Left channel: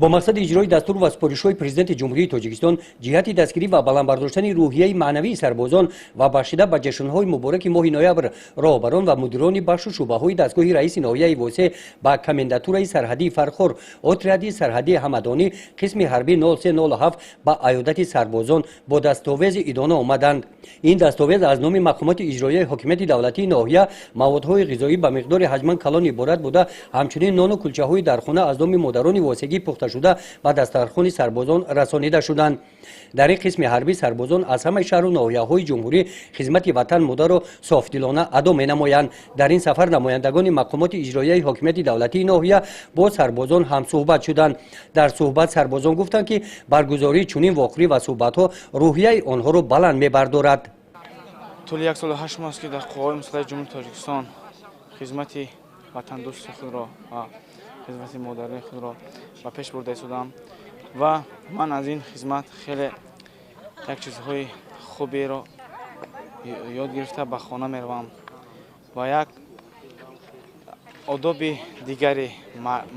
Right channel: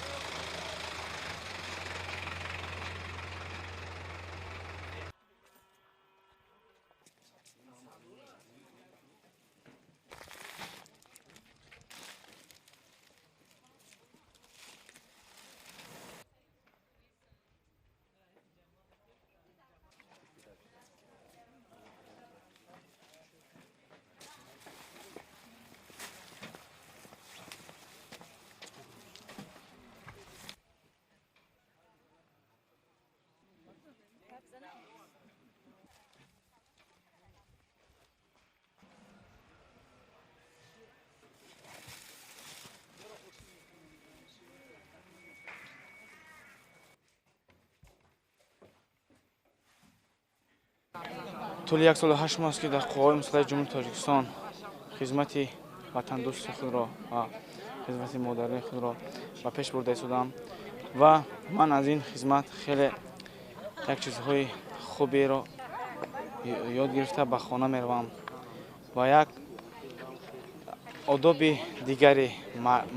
با مقصد اجرای دستور و سپارش‌های پرزیدنت جمهوری تاجیکستان جهت دستگیری و بلندبرداشتن روحیه معنوی سربازان و بخشیده به جشن‌های مبارک ماه نوامبر راهبران و مدیران بخش و شعبه‌های دستگاه رئیس ناحیه واسه با کمانداتورای سرحدی فرخور اتریادی سرحدی همدانی قسم حربی 0307 با عیادت سربازان با دستاویز ادانه آمدند. این دستاویز از نام مقامات اجرایی حکومت دولتی ناحیه موادهای غذایی به مقدار حجما کلان عبارت بوده، همچنین نان و کلچه‌های در خانه از نام مادران واسگی پخته شده و دسترخوان سربازان رسانیده شدند. در این قسم حربی سربازان از همه شهر و ناحیه‌های جمهوری خدمت وطن مدار و صافدلانه ادا می‌نمایند. در این سفر نمایندگان مقامات اجرایی حکومت دولتی ناحیه با سربازان هم صحبت شدند. در صحبت سربازان گفتند که برگزاری چنین واقعی و صحبت‌ها روحیه آنها را بلند می‌بردارد. طول یک سال و 8 ماه است که در قوای مسلح جمهوری تاجیکستان خدمت وطن دوست خود را و خدمت مادران خود را به پیش برده شدم و من از این خدمت خیلی یک چیزهای خوبی را یاد گرفته به خانه میروم و یک آداب دیگری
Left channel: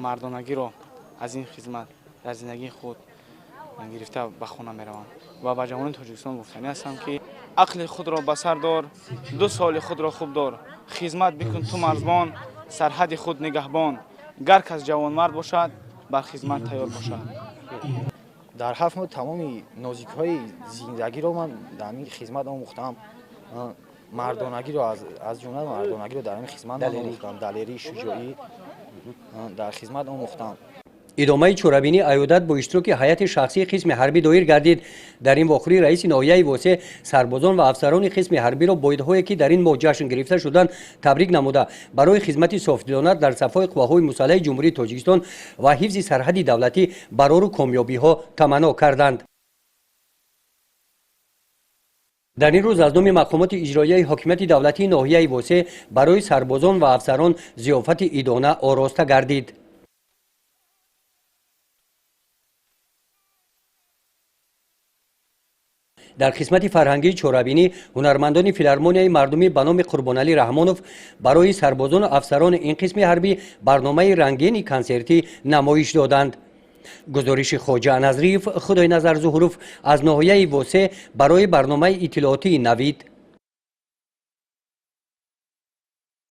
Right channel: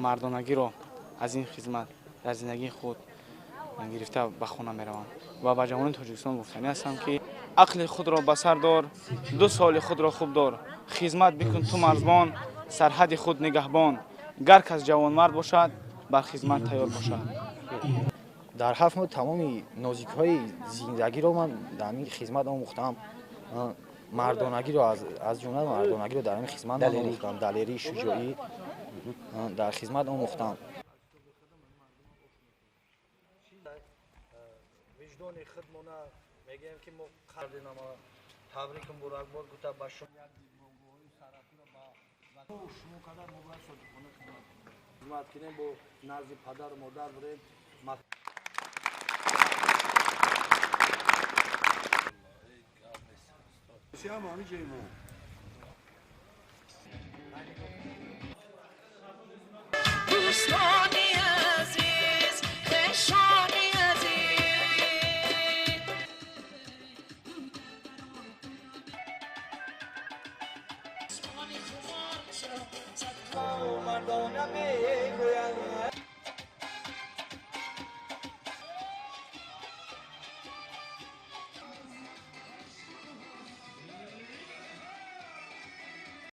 مردانگی را از این خدمت در زندگی خود گرفته به خانه میروم و به جوانان تاجیکستان گفتنی هستم که عقل خود را به سر دار، 2 سال خود را خوب دار، خدمت بکن تو مرزبان، سرحد خود نگهبان، گر کس جوان مرد باشد بر خدمت تیار باشد. در 7 ماه تمام نازک‌های زندگی را من در این خدمت آموختم. مردانگی را از جمله مردانگی را در این خدمت آموختم، دلیری شجاعی در خدمت آموختم. ادامه چوربینی عیادت با اشتراک هیئت شخصی قسم حربی دایر گردید. در این واقعه رئیس ناحیه واسه سربازان و افسران قسم حربی را با ایده‌هایی که در این ماه جشن گرفته شدند تبریک نموده برای خدمت صافدلانه در صفای قواهای مسلح جمهوری تاجیکستان و حفظ سرحد دولتی برای کامیابی‌ها تمنا کردند. در این روز از نام مقامات اجرایی حکومت دولتی ناحیه واسه برای سربازان و افسران ضیافت عیدانه آراسته گردید. در قسمت فرهنگی چوربینی هنرمندان فیلارمونیای مردمی به نام قربانعلی رحمانوف برای سربازان و افسران این قسم حربی برنامه رنگین کنسرتی نمایش دادند. گزارش خواجه نظریف خدای نظر ظهوروف از ناحیه واسه برای برنامه اطلاعاتی نوید